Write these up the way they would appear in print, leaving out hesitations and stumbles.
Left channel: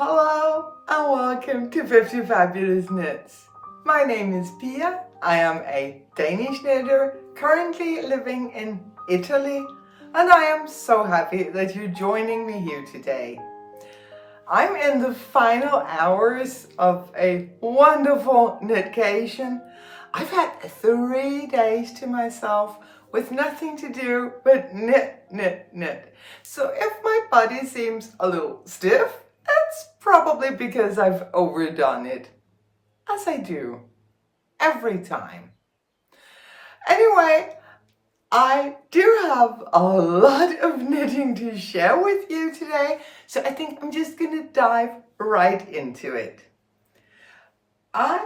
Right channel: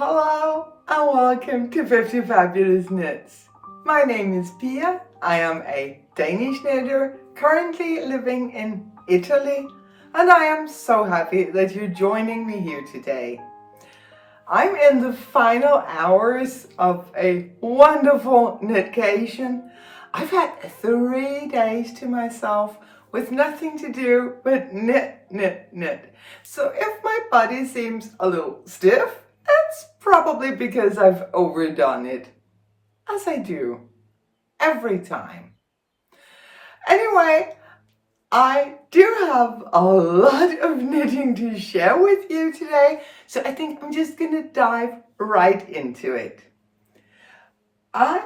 Hello and welcome to 50Fabulous Knits. My name is Pia. I am a Danish knitter currently living in Italy, and I am so happy that you're joining me here today. I'm in the final hours of a wonderful knitcation. I've had 3 days to myself with nothing to do but knit, knit, knit. So if my body seems a little stiff, that's probably because I've overdone it, as I do every time. Anyway, I do have a lot of knitting to share with you today, so I think I'm just going to dive right into it. I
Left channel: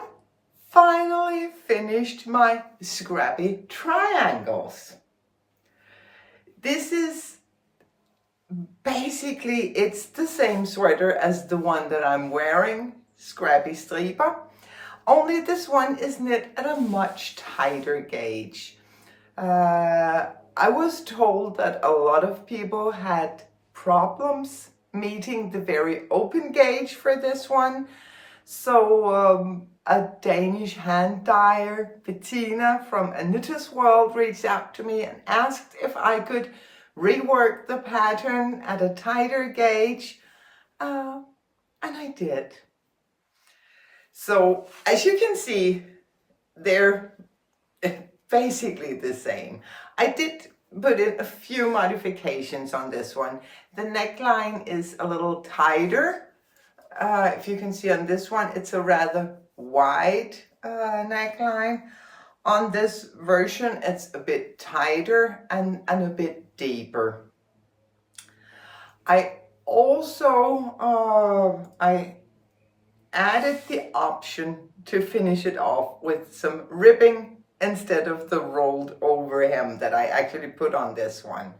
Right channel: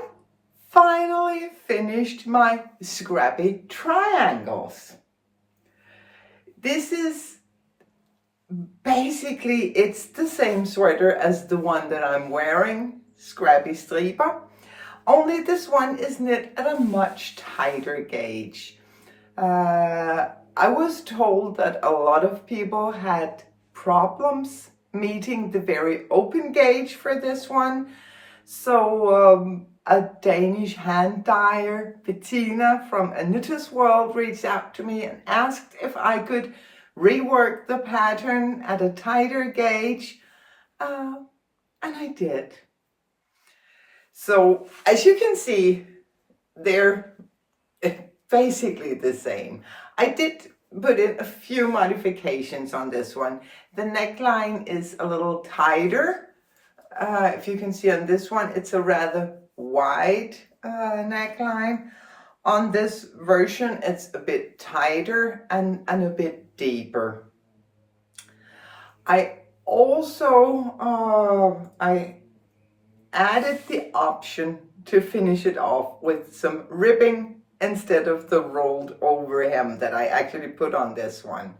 finally finished my Scrappy Triangles. This is basically, it's the same sweater as the one that I'm wearing, Scrappy Striper, only this one is knit at a much tighter gauge. I was told that a lot of people had problems meeting the very open gauge for this one. So a Danish hand dyer, Bettina from A Knitter's World, reached out to me and asked if I could rework the pattern at a tighter gauge, and I did. So as you can see, they're basically the same. I did put in a few modifications on this one. The neckline is a little tighter. If you can see on this one, it's a rather wide neckline. On this version, it's a bit tighter and a bit deeper. I also I added the option to finish it off with some ribbing instead of the rolled over hem that I actually put on this one.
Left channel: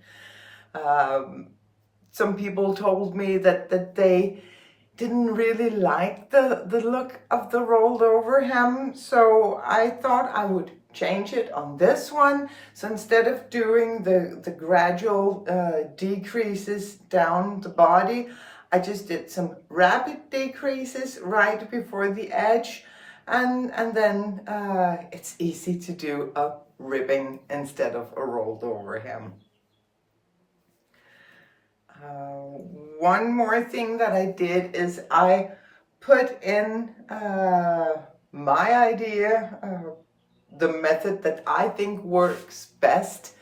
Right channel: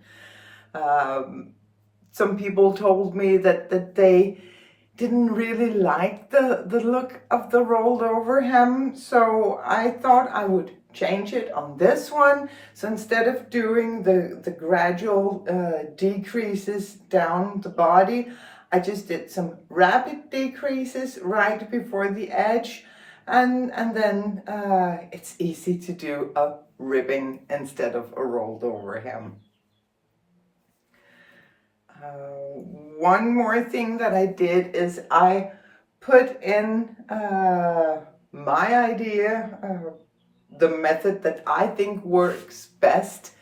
Some people told me that they didn't really like the look of the rolled over hem, so I thought I would change it on this one. So instead of doing the gradual decreases down the body, I just did some rapid decreases right before the edge, and then it's easy to do a ribbing instead of a rolled over hem. One more thing that I did is I put in my idea, the method that I think works best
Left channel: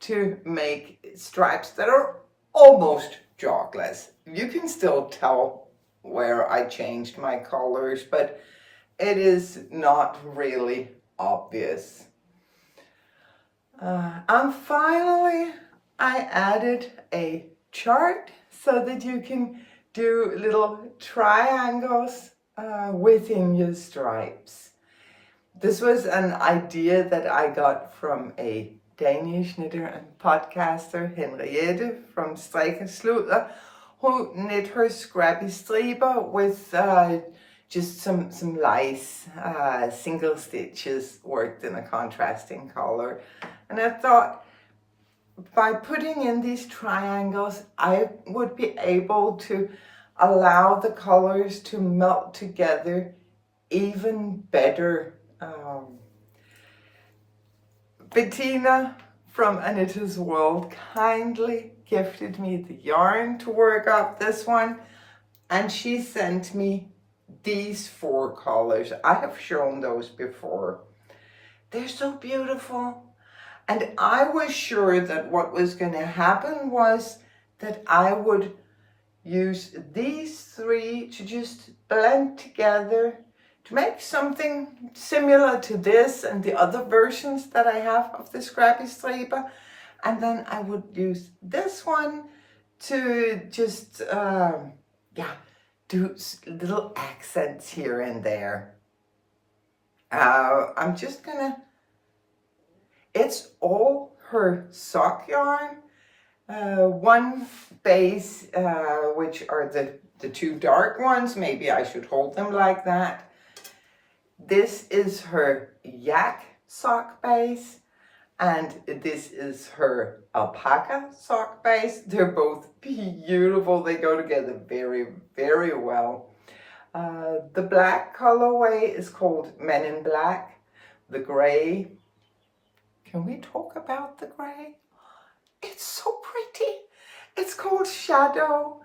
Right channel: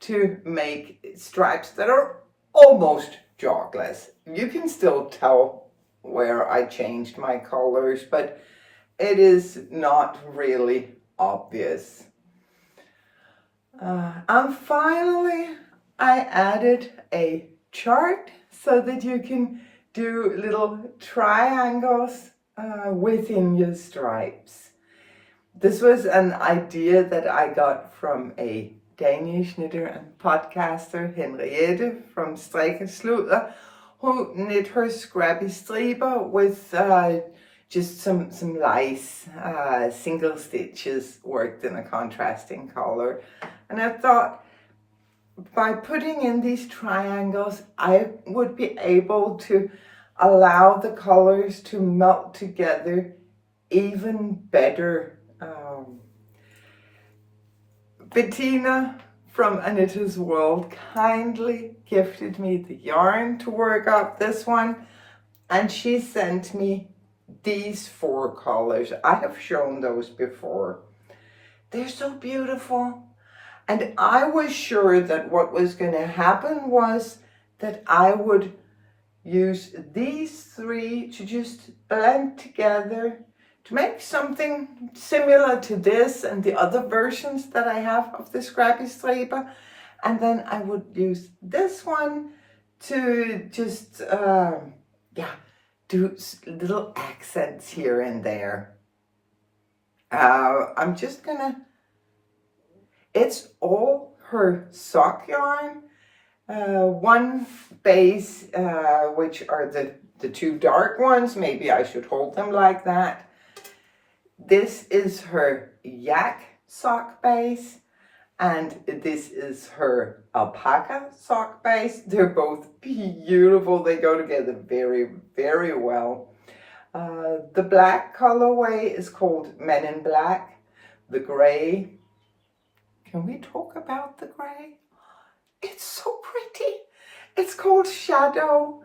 to make stripes that are almost jogless. You can still tell where I changed my colors, but it is not really obvious. And finally, I added a chart so that you can do little triangles within your stripes. This was an idea that I got from a Danish knitter and podcaster, Henriette from Strikkesludder, who knit her Scrappy Striper with just some lice, single stitches worked in a contrasting color. And I thought, by putting in these triangles, I would be able to allow the colors to melt together even better. Bettina from A Knitter's World kindly gifted me the yarn to work up this one, and she sent me these 4 colors. I have shown those before. They're so beautiful. And I was sure that what was going to happen was that I would use these 3 to just blend together to make something similar to this and the other versions that I have of the Scrappy Striper. And then I would use this one to just, do little accents here and there. I'm just gonna, it's all her sock yarn. One base, which are the 2 dark ones. Maybe I should hold them like that. This is her yak sock base. and this is her alpaca sock base. They're both beautiful. They go together very, very well. The black colorway is called Men in Black. The gray, can we talk about the gray? It's so pretty. It's called Shadow,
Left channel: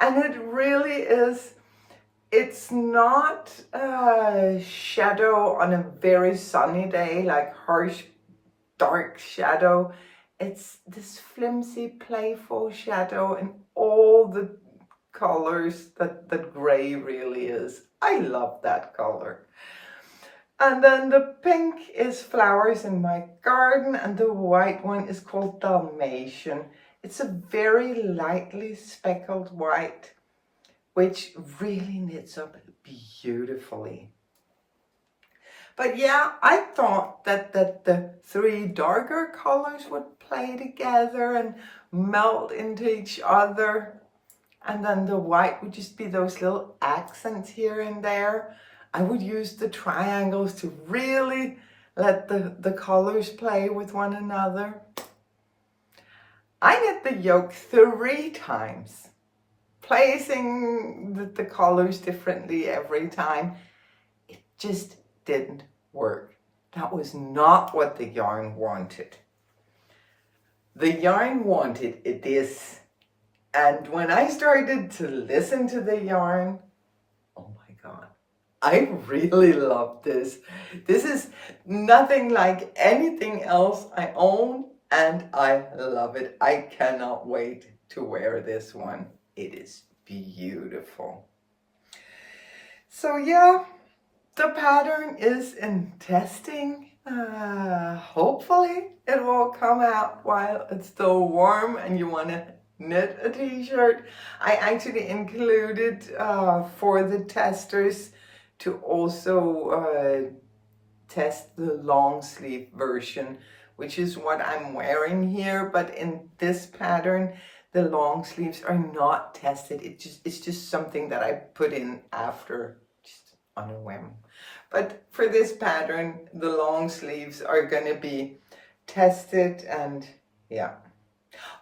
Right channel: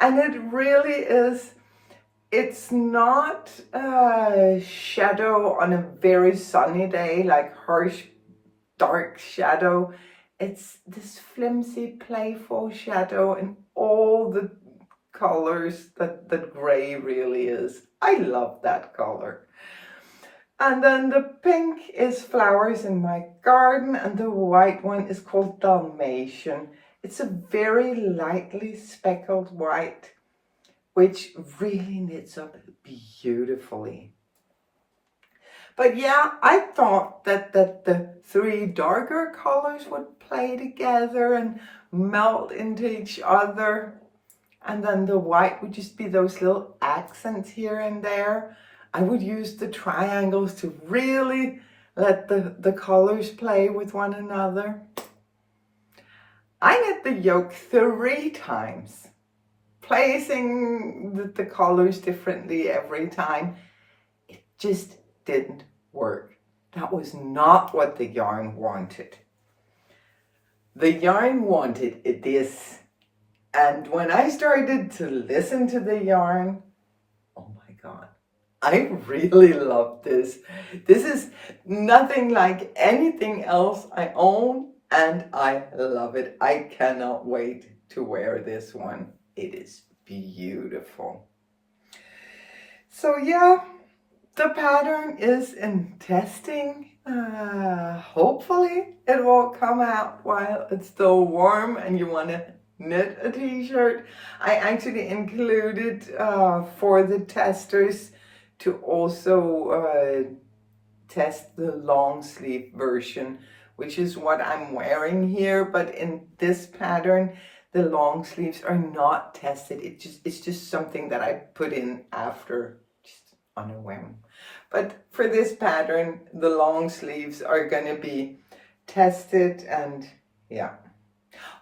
and it really is. It's not a shadow on a very sunny day, like harsh, dark shadow. It's this flimsy, playful shadow in all the colors that gray really is. I love that color. And then the pink is Flowers in My Garden, and the white one is called Dalmatian. It's a very lightly speckled white, which really knits up beautifully. But yeah, I thought that the three darker colors would play together and melt into each other. And then the white would just be those little accents here and there. I would use the triangles to really let the colors play with one another. I knit the yoke 3 times, placing the colors differently every time. It just didn't work. That was not what the yarn wanted. The yarn wanted this. And when I started to listen to the yarn, oh my God, I really love this. This is nothing like anything else I own, and I love it. I cannot wait to wear this one. It is beautiful. So yeah, the pattern is in testing. Hopefully it will come out while it's still warm and you want to knit a t-shirt. I actually included for the testers to also test the long sleeve version, which is what I'm wearing here. But in this pattern, the long sleeves are not tested. It's just something that I put in after, just on a whim. But for this pattern, the long sleeves are gonna be tested, and yeah.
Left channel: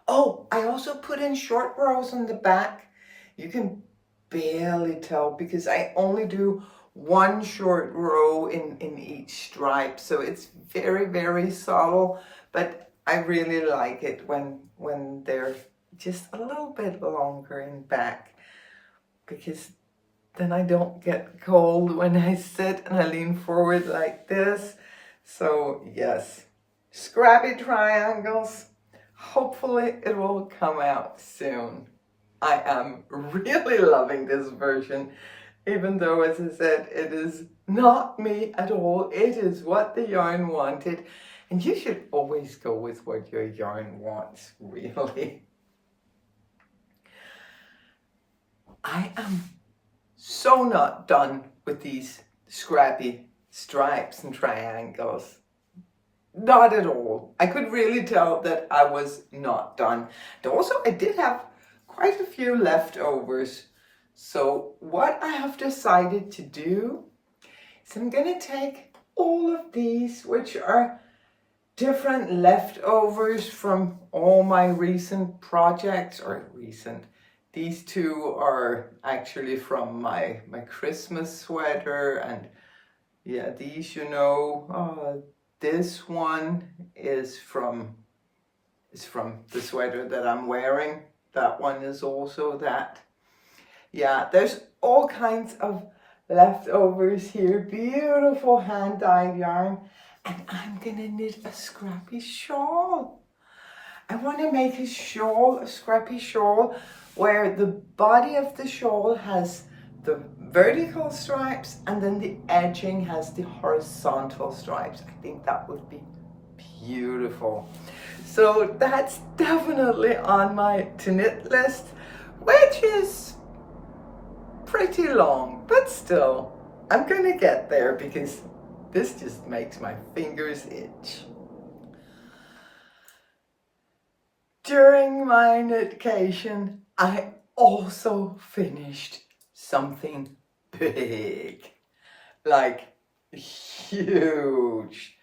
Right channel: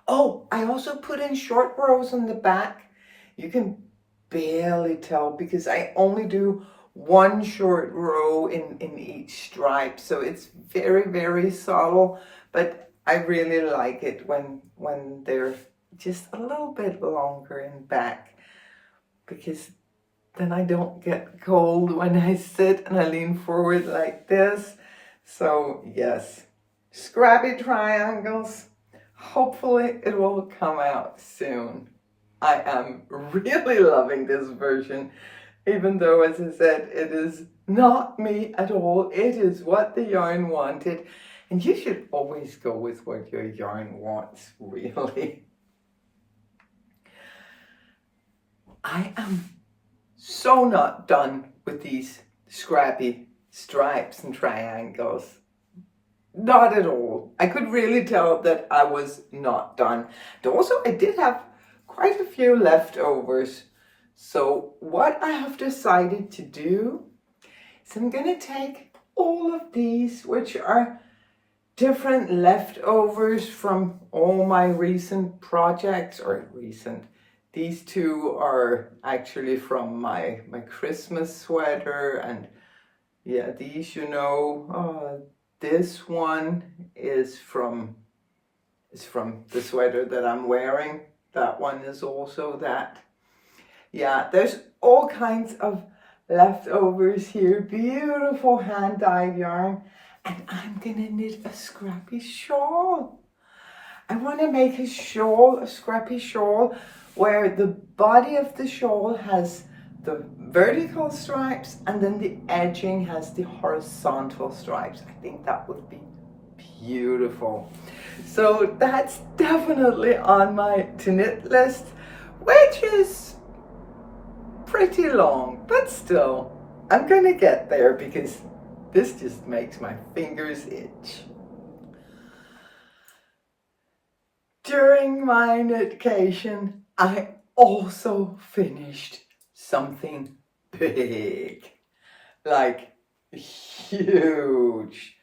Oh, I also put in short rows on the back. You can barely tell because I only do 1 short row in each stripe. So it's very, very subtle, but I really like it when they're just a little bit longer in back, because then I don't get cold when I sit and I lean forward like this. So yes, Scrappy Triangles. Hopefully it will come out soon. I am really loving this version, even though, as I said, it is not me at all. It is what the yarn wanted. And you should always go with what your yarn wants, really. I am so not done with these scrappy stripes and triangles. Not at all. I could really tell that I was not done. And also, I did have quite a few leftovers. So what I have decided to do is I'm going to take all of these, which are different leftovers from all my recent projects, or recent. These two are actually from my Christmas sweater, and yeah, these, you know, this one is from the sweater that I'm wearing. That one is also that. Yeah, there's all kinds of leftovers here. Beautiful hand-dyed yarn. And I'm gonna knit a scrappy shawl. I want to make a shawl, a scrappy shawl, where the body of the shawl has the vertical stripes and then the edging has the horizontal stripes. I think that would be beautiful. So that's definitely on my to knit list, which is pretty long, but still, I'm gonna get there because this just makes my fingers itch. During my knitcation, I also finished something big, like huge,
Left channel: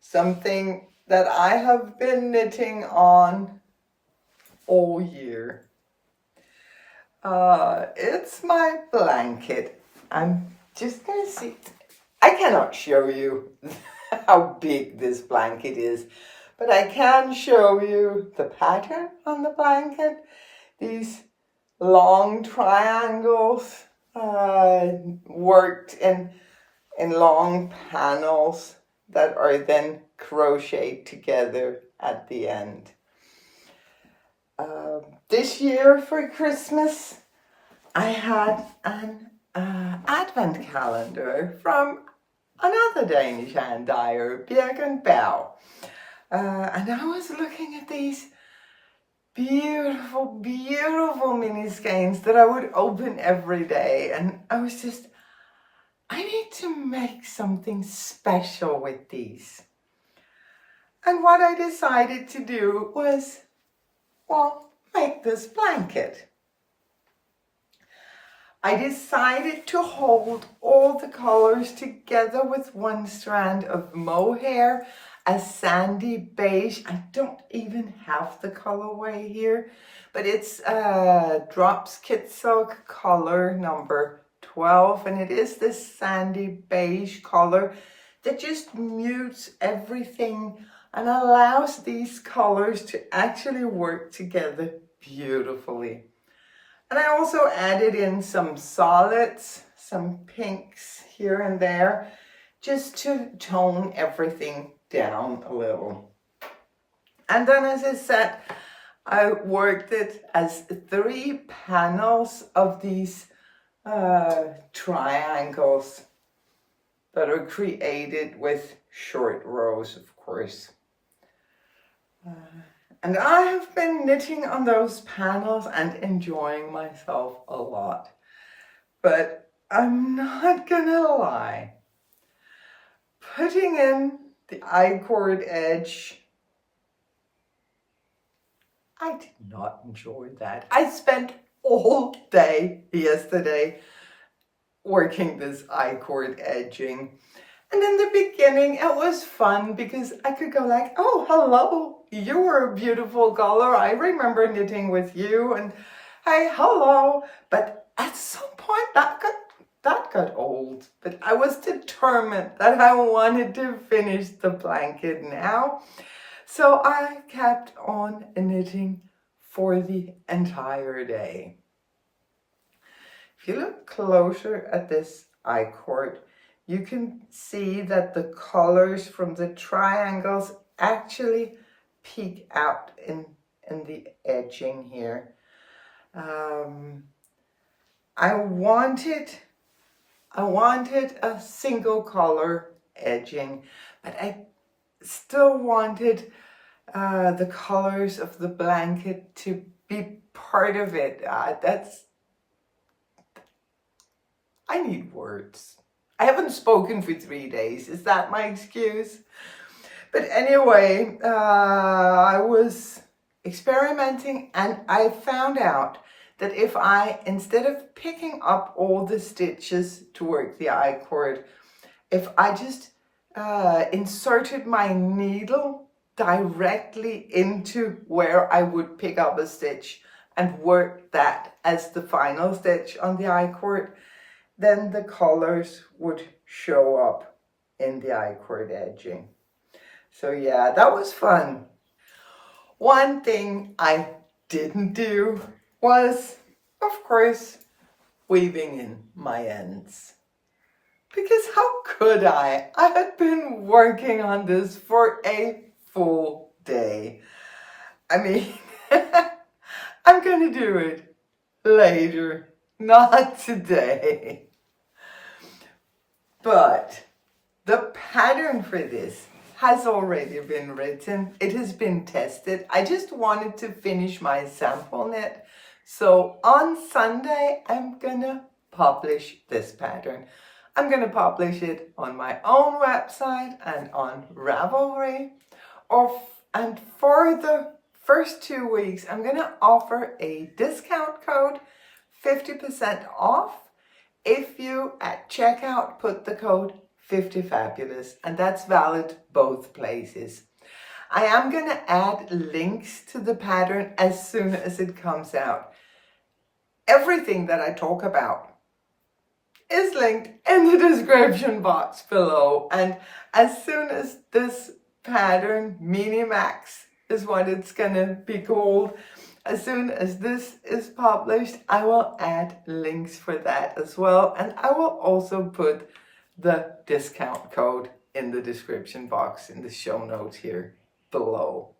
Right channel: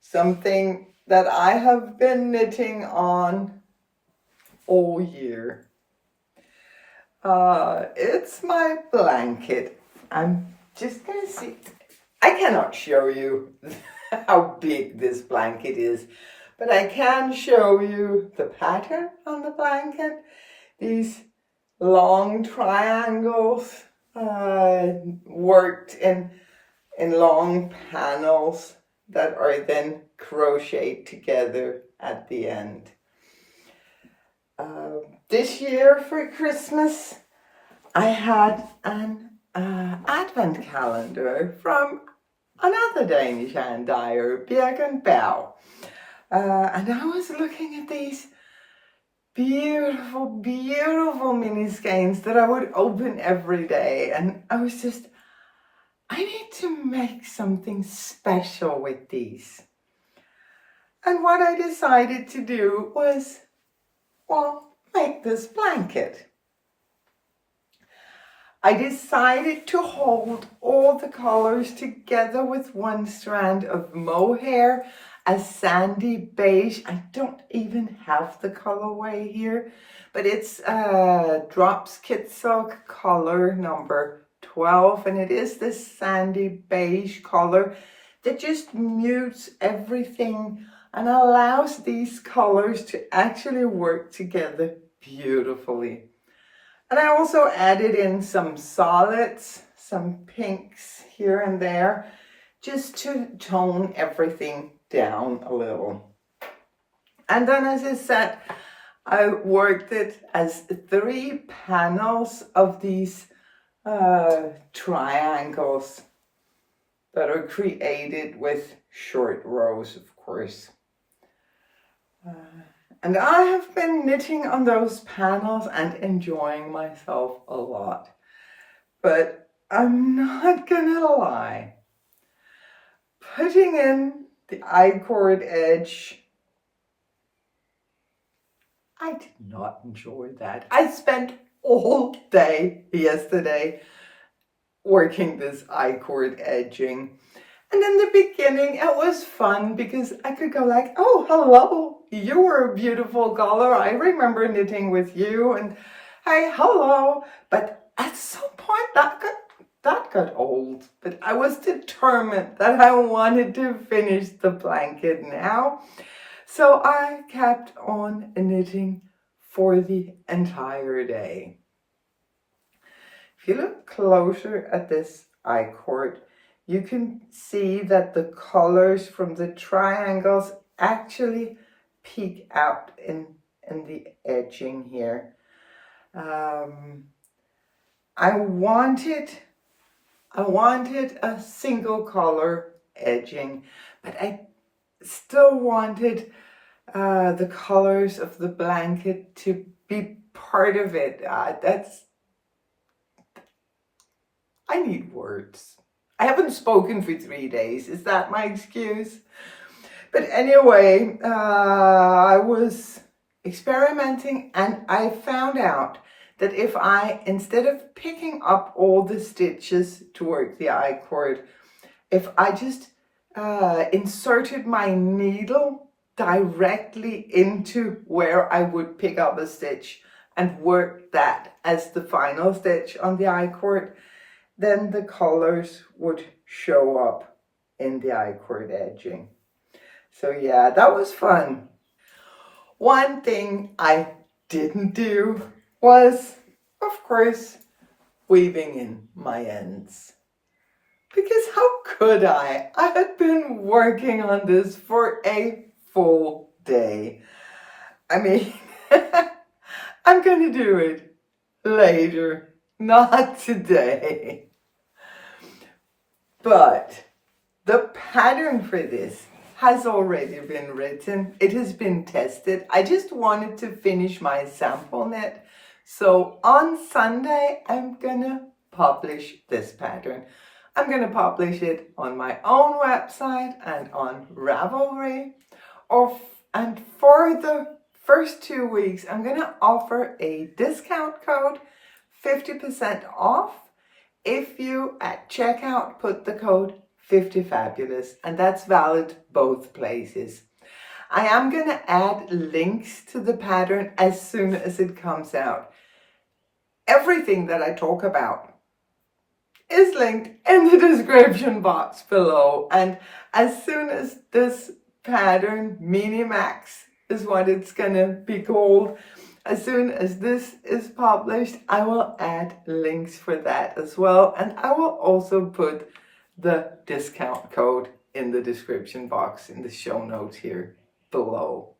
something that I have been knitting on all year. It's my blanket. I'm just gonna see. I cannot show you how big this blanket is, but I can show you the pattern on the blanket. These long triangles worked in long panels that are then crocheted together at the end. This year for Christmas, I had an advent calendar from another Danish hand dyer, Birken Bau. And I was looking at these beautiful, beautiful mini skeins that I would open every day. And I was just, I need to make something special with these. And what I decided to do was, well, make this blanket. I decided to hold all the colors together with one strand of mohair, a sandy beige. I don't even have the colorway here, but it's Drops Kit Silk color number 12, and it is this sandy beige color that just mutes everything and allows these colors to actually work together beautifully. And I also added in some solids, some pinks here and there, just to tone everything down a little. And then, as I said, I worked it as 3 panels of these triangles that are created with short rows, of course. And I have been knitting on those panels and enjoying myself a lot. But I'm not gonna lie, putting in the I-cord edge, I did not enjoy that. I spent all day yesterday working this I-cord edging. And in the beginning, it was fun because I could go like, oh, hello, you were a beautiful color. I remember knitting with you, and hey, hello. But at some point, that got old. But I was determined that I wanted to finish the blanket now. So I kept on knitting for the entire day. If you look closer at this I-cord, you can see that the colors from the triangles actually peek out in the edging here. I wanted a single color edging, but I still wanted the colors of the blanket to be part of it. I need words. I haven't spoken for 3 days. Is that my excuse? But anyway, I was experimenting and I found out that if I, instead of picking up all the stitches to work the I-cord, if I just inserted my needle directly into where I would pick up a stitch and work that as the final stitch on the I-cord, then the colors would show up in the I-cord edging. So yeah, that was fun. One thing I didn't do was, of course, weaving in my ends. Because how could I? I had been working on this for a full day. I mean, I'm gonna do it later. Not today. But the pattern for this has already been written. It has been tested. I just wanted to finish my sample knit. So on Sunday, I'm gonna publish this pattern. I'm gonna publish it on my own website and on Ravelry. And for the first 2 weeks, I'm gonna offer a discount code, 50% off, if you at checkout put the code Fiftyfabulous, and that's valid both places. I am going to add links to the pattern as soon as it comes out. Everything that I talk about is linked in the description box below. And as soon as this pattern, Minimax is what it's going to be called, as soon as this is published, I will add links for that as well. And I will also put the discount code in the description box in the show notes here below.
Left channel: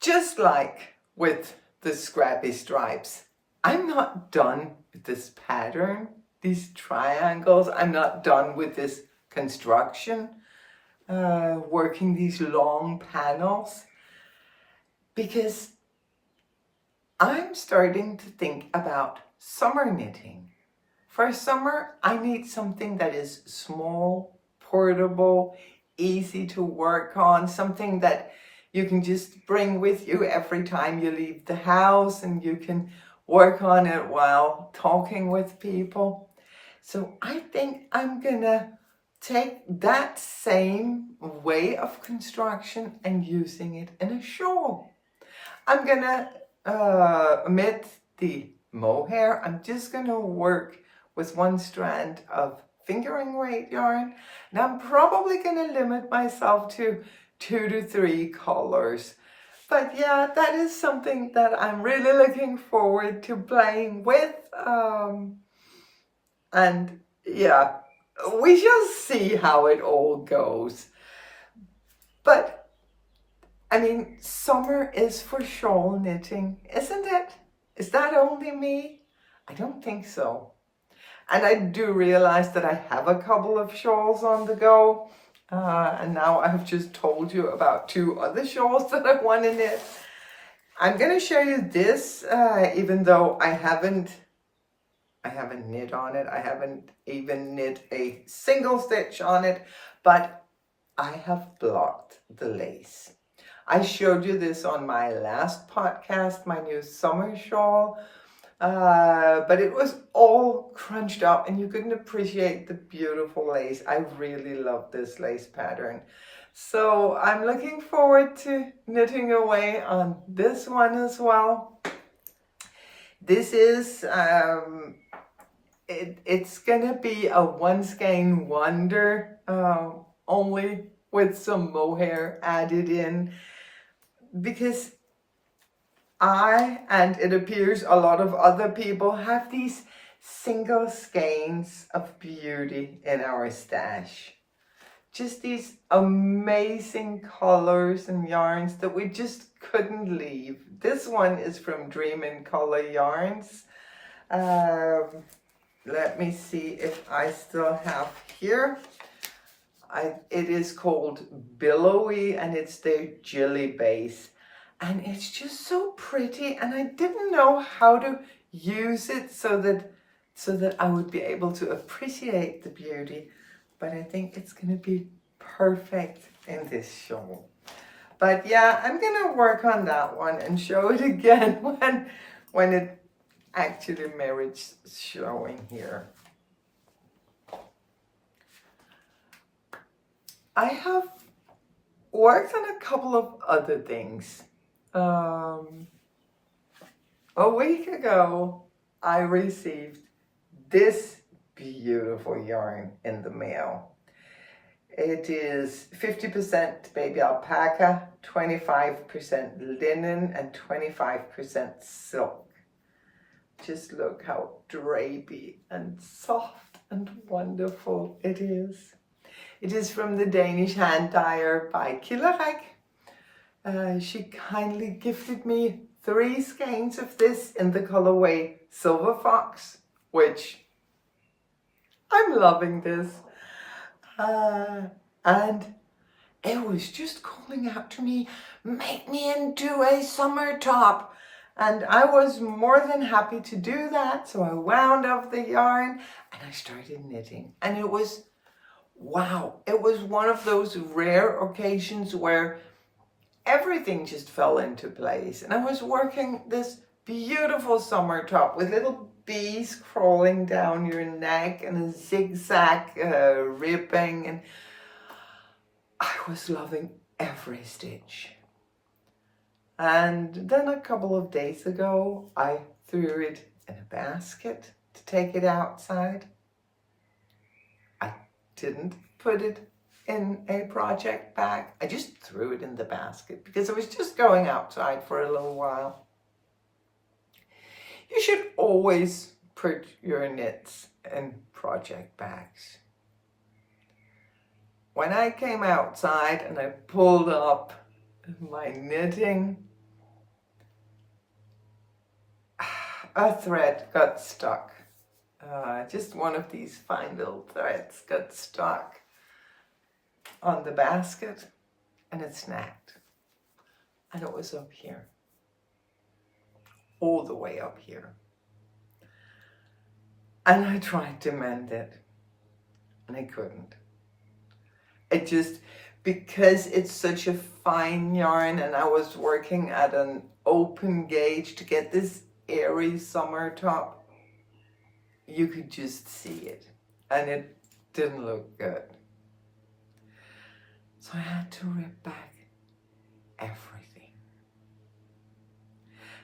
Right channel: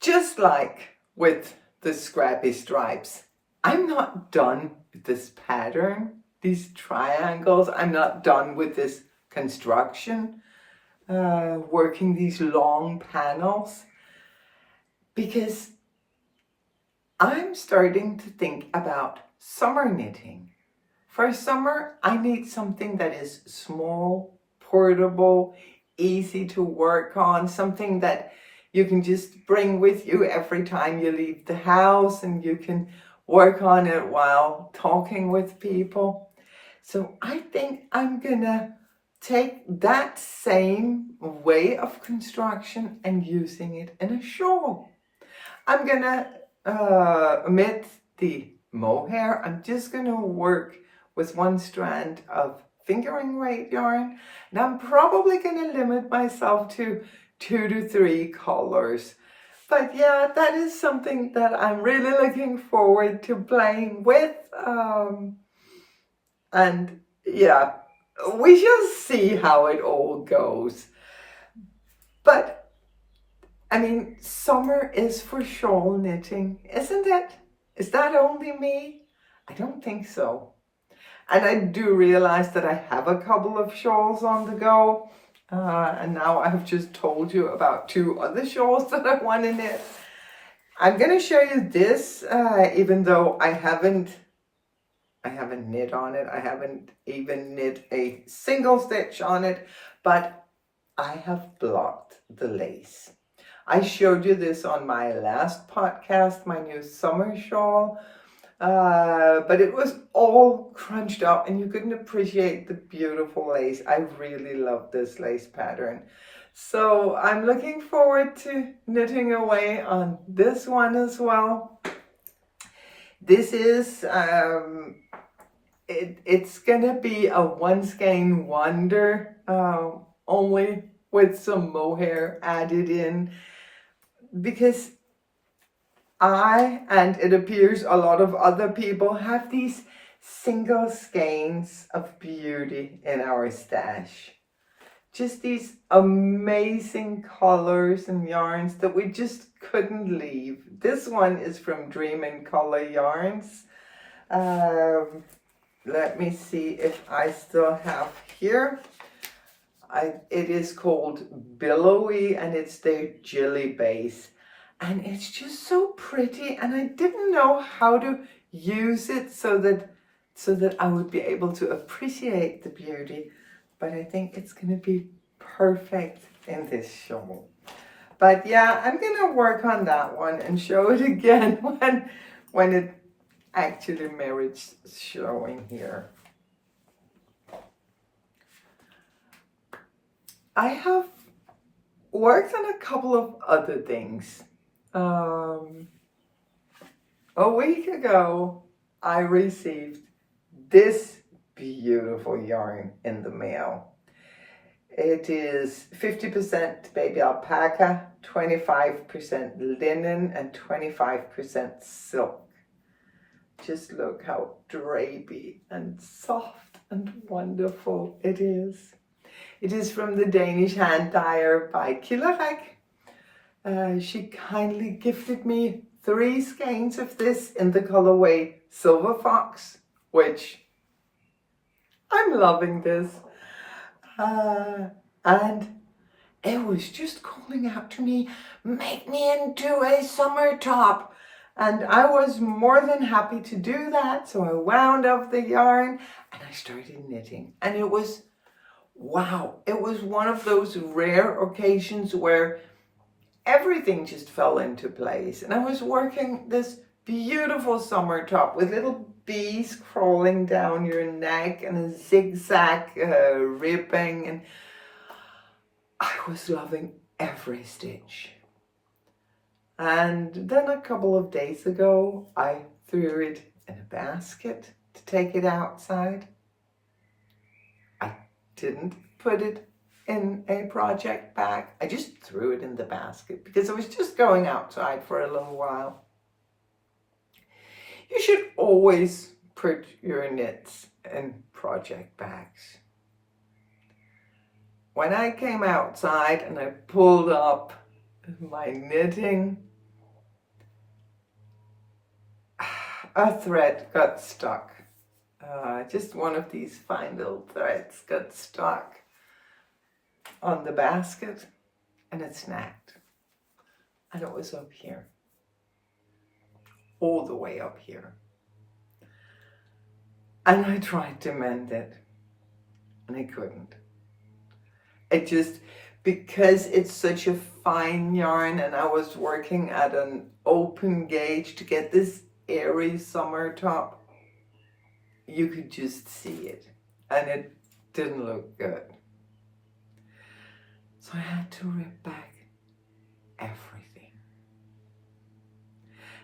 Just like with the Scrappy stripes, I'm not done with this pattern, these triangles. I'm not done with this construction, working these long panels, because I'm starting to think about summer knitting. For summer, I need something that is small, portable, easy to work on, something that you can just bring with you every time you leave the house, and you can work on it while talking with people. So I think I'm gonna take that same way of construction and using it in a shawl. I'm gonna omit the mohair. I'm just gonna work with one strand of fingering weight yarn, and I'm probably gonna limit myself to 2 to 3 colors. But yeah, that is something that I'm really looking forward to playing with. And yeah, we shall see how it all goes. But I mean, summer is for shawl knitting, isn't it? Is that only me? I don't think so. And I do realize that I have a couple of shawls on the go. And now I've just told you about 2 other shawls that I want to knit. I'm going to show you this, even though I haven't knit on it. I haven't even knit a single stitch on it, but I have blocked the lace. I showed you this on my last podcast, my new summer shawl, but it was all crunched up and you couldn't appreciate the beautiful lace. I really love this lace pattern. So I'm looking forward to knitting away on this one as well. This is, it's gonna be a one skein wonder, only with some mohair added in, because I, and it appears a lot of other people, have these single skeins of beauty in our stash. Just these amazing colors and yarns that we just couldn't leave. This one is from Dream in Color Yarns. Let me see if I still have here. It is called Billowy, and it's their Jilly base. And it's just so pretty, and I didn't know how to use it so that I would be able to appreciate the beauty. But I think it's going to be perfect in this shawl. But yeah, I'm going to work on that one and show it again when it actually merits showing here. I have worked on a couple of other things. A week ago, I received this beautiful yarn in the mail. It is 50% baby alpaca, 25% linen, and 25% silk. Just look how drapey and soft and wonderful it is. It is from the Danish hand dyer by Killerek. She kindly gifted me 3 skeins of this in the colorway Silver Fox, which I'm loving this. And it was just calling out to me, make me into a summer top. And I was more than happy to do that. So I wound up the yarn and I started knitting. And it was, wow, it was one of those rare occasions where everything just fell into place. And I was working this beautiful summer top with little bees crawling down your neck and a zigzag ribbing. And I was loving every stitch. And then a couple of days ago, I threw it in a basket to take it outside. I didn't put it in a project bag. I just threw it in the basket because I was just going outside for a little while. You should always put your knits in project bags. When I came outside and I pulled up my knitting, a thread got stuck. Just one of these fine little threads got stuck on the basket and it snagged. And it was up here, all the way up here. And I tried to mend it and I couldn't. It just, because it's such a fine yarn and I was working at an open gauge to get this airy summer top, you could just see it and it didn't look good. So I had to rip back everything.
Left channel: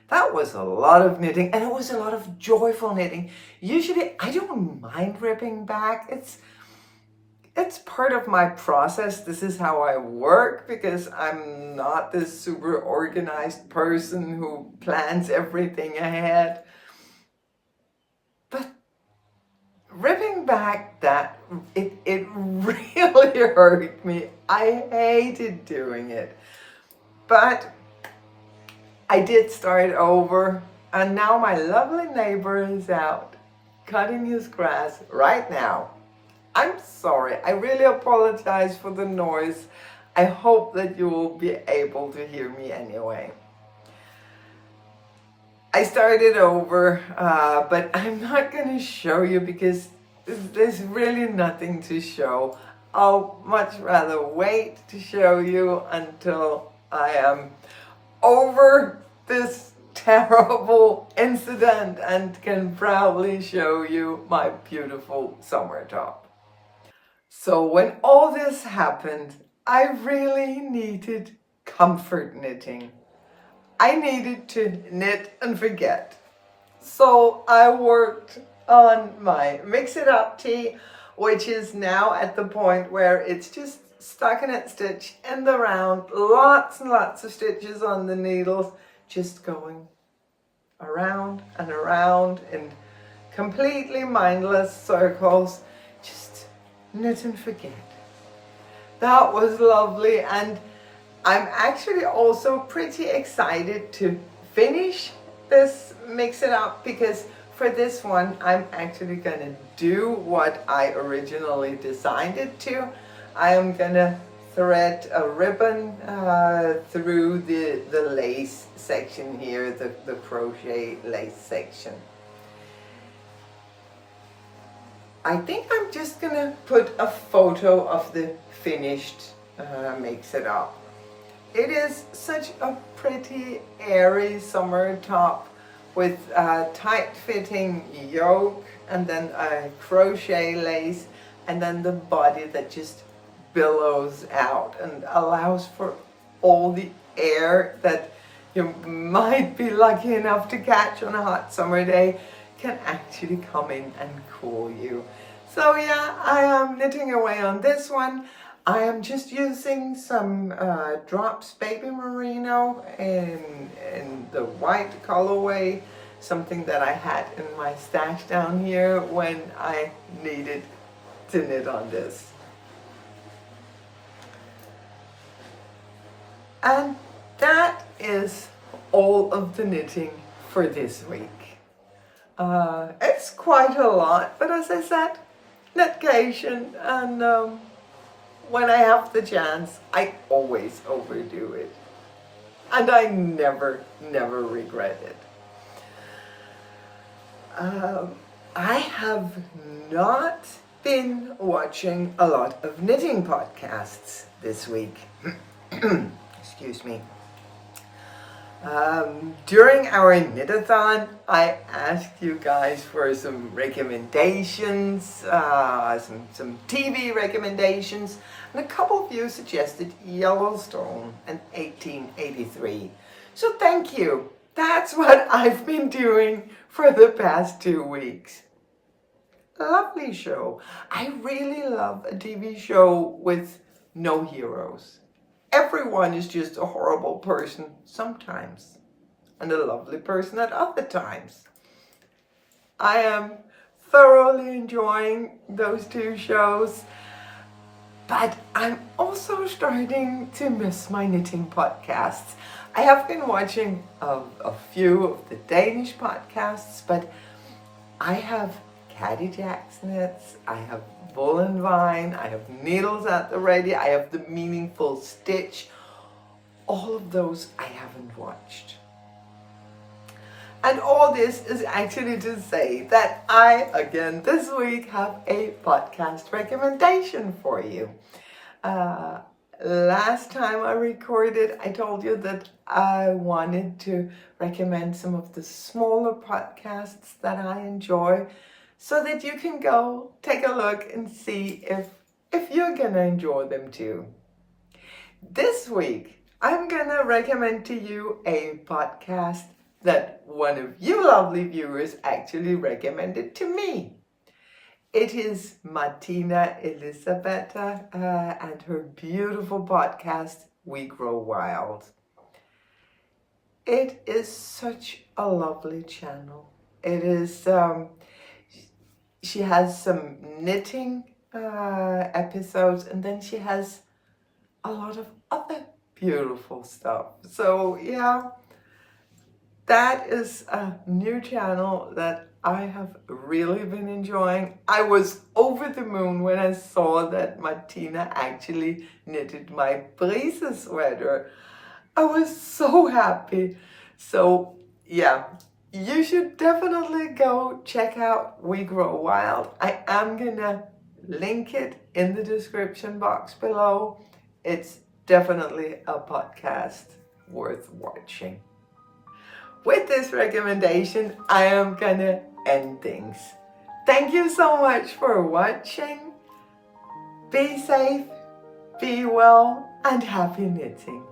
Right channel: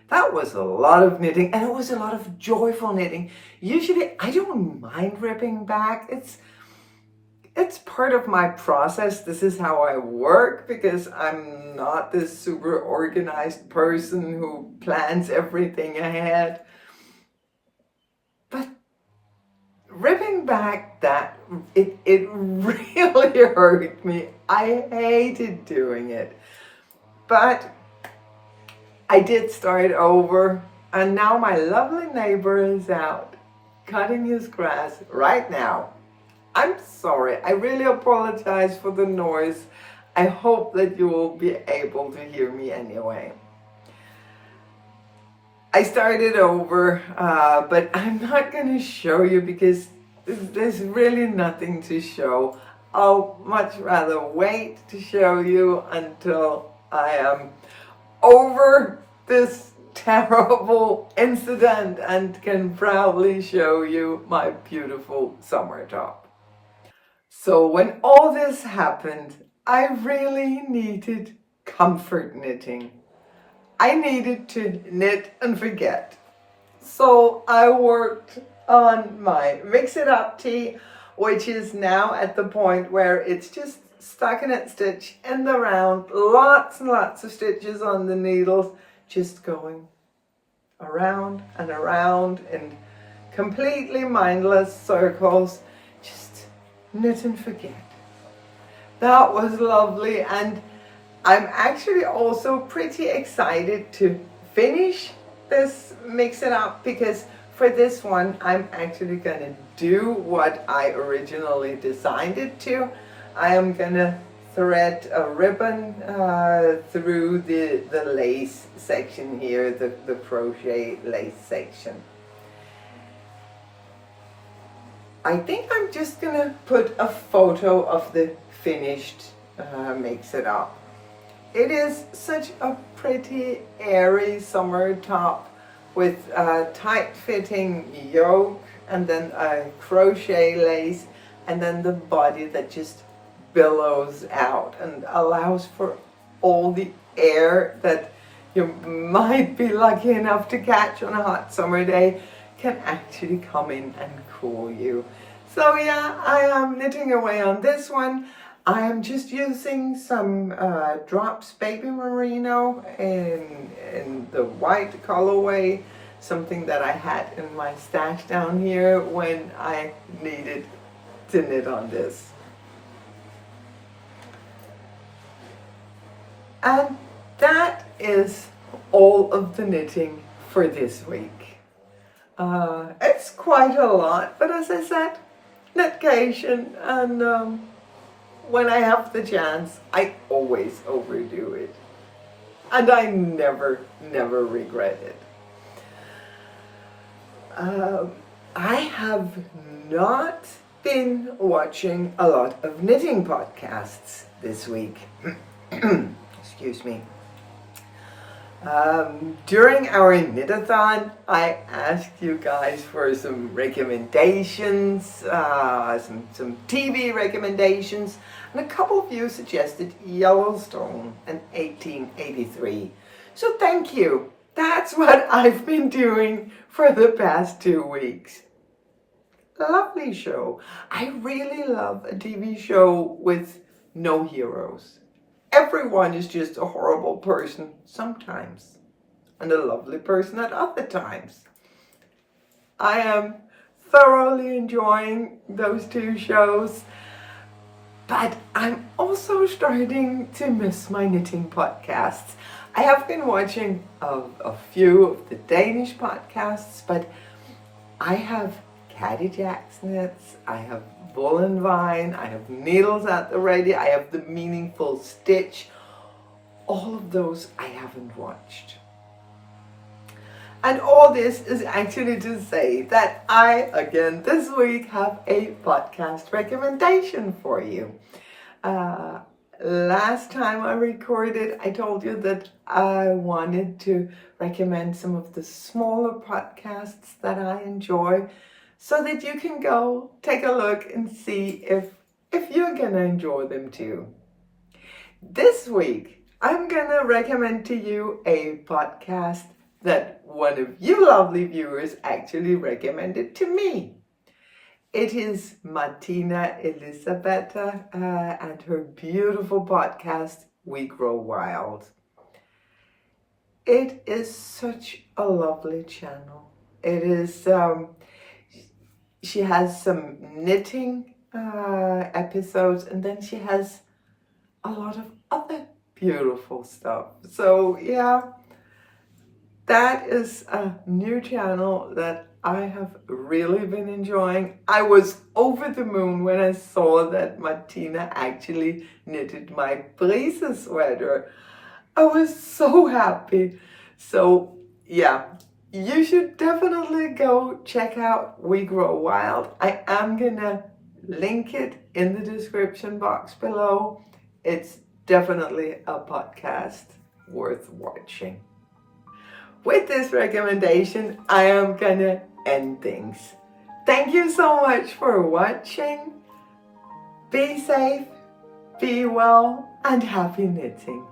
That was a lot of knitting, and it was a lot of joyful knitting. Usually I don't mind ripping back. It's part of my process. This is how I work because I'm not this super organized person who plans everything ahead. But ripping back that, it really hurt me. I hated doing it. But I did start over, and now my lovely neighbor is out cutting his grass right now. I'm sorry, I really apologize for the noise. I hope that you will be able to hear me anyway. I started over, but I'm not going to show you because there's really nothing to show. I'll much rather wait to show you until I am over this terrible incident and can proudly show you my beautiful summer top. So when all this happened, I really needed comfort knitting. I needed to knit and forget. So I worked on my Mix It Up tee, which is now at the point where it's just stockinette stitch in the round, lots and lots of stitches on the needles, just going around and around in completely mindless circles, just knit and forget. That was lovely, and I'm actually also pretty excited to finish this Mix It Up because for this one I'm actually gonna do what I originally designed it to. I am gonna thread a ribbon through the lace section here, the crochet lace section. I think I'm just gonna put a photo of the finished Mix It Up. It is such a pretty airy summer top with a tight fitting yoke and then a crochet lace and then the body that just billows out and allows for all the air that you might be lucky enough to catch on a hot summer day can actually come in and cool you. So yeah, I am knitting away on this one. I am just using some Drops Baby Merino in the white colorway, something that I had in my stash down here when I needed to knit on this. And that is all of the knitting for this week. It's quite a lot, but as I said, knitcation, and when I have the chance, I always overdo it. And I never regret it. I have not been watching a lot of knitting podcasts this week. Excuse me. During our knit-a-thon, I asked you guys for some recommendations, some TV recommendations, and a couple of you suggested Yellowstone and 1883. So thank you. That's what I've been doing for the past 2 weeks. Lovely show. I really love a TV show with no heroes. Everyone is just a horrible person sometimes, and a lovely person at other times. I am thoroughly enjoying those 2 shows, but I'm also starting to miss my knitting podcasts. I have been watching a few of the Danish podcasts, but I have Caddy Jack's Knits, I have Wool and Vine, I have Needles at the Ready, I have The Meaningful Stitch. All of those I haven't watched. And all this is actually to say that I, again this week, have a podcast recommendation for you. Last time I recorded, I told you that I wanted to recommend some of the smaller podcasts that I enjoy, so that you can go take a look and see if you're gonna enjoy them too. This week, I'm gonna recommend to you a podcast that one of you lovely viewers actually recommended to me. It is Martina Elisabetta and her beautiful podcast, We Grow Wild. It is such a lovely channel. It is, she has some knitting episodes, and then she has a lot of other beautiful stuff. So yeah, that is a new channel that I have really been enjoying. I was over the moon when I saw that Martina actually knitted my Brise sweater. I was so happy. So yeah, you should definitely go check out We Grow Wild. I am gonna link it in the description box below. It's definitely a podcast worth watching. With this recommendation, I am gonna end things. Thank you so much for watching. Be safe, be well, and happy knitting.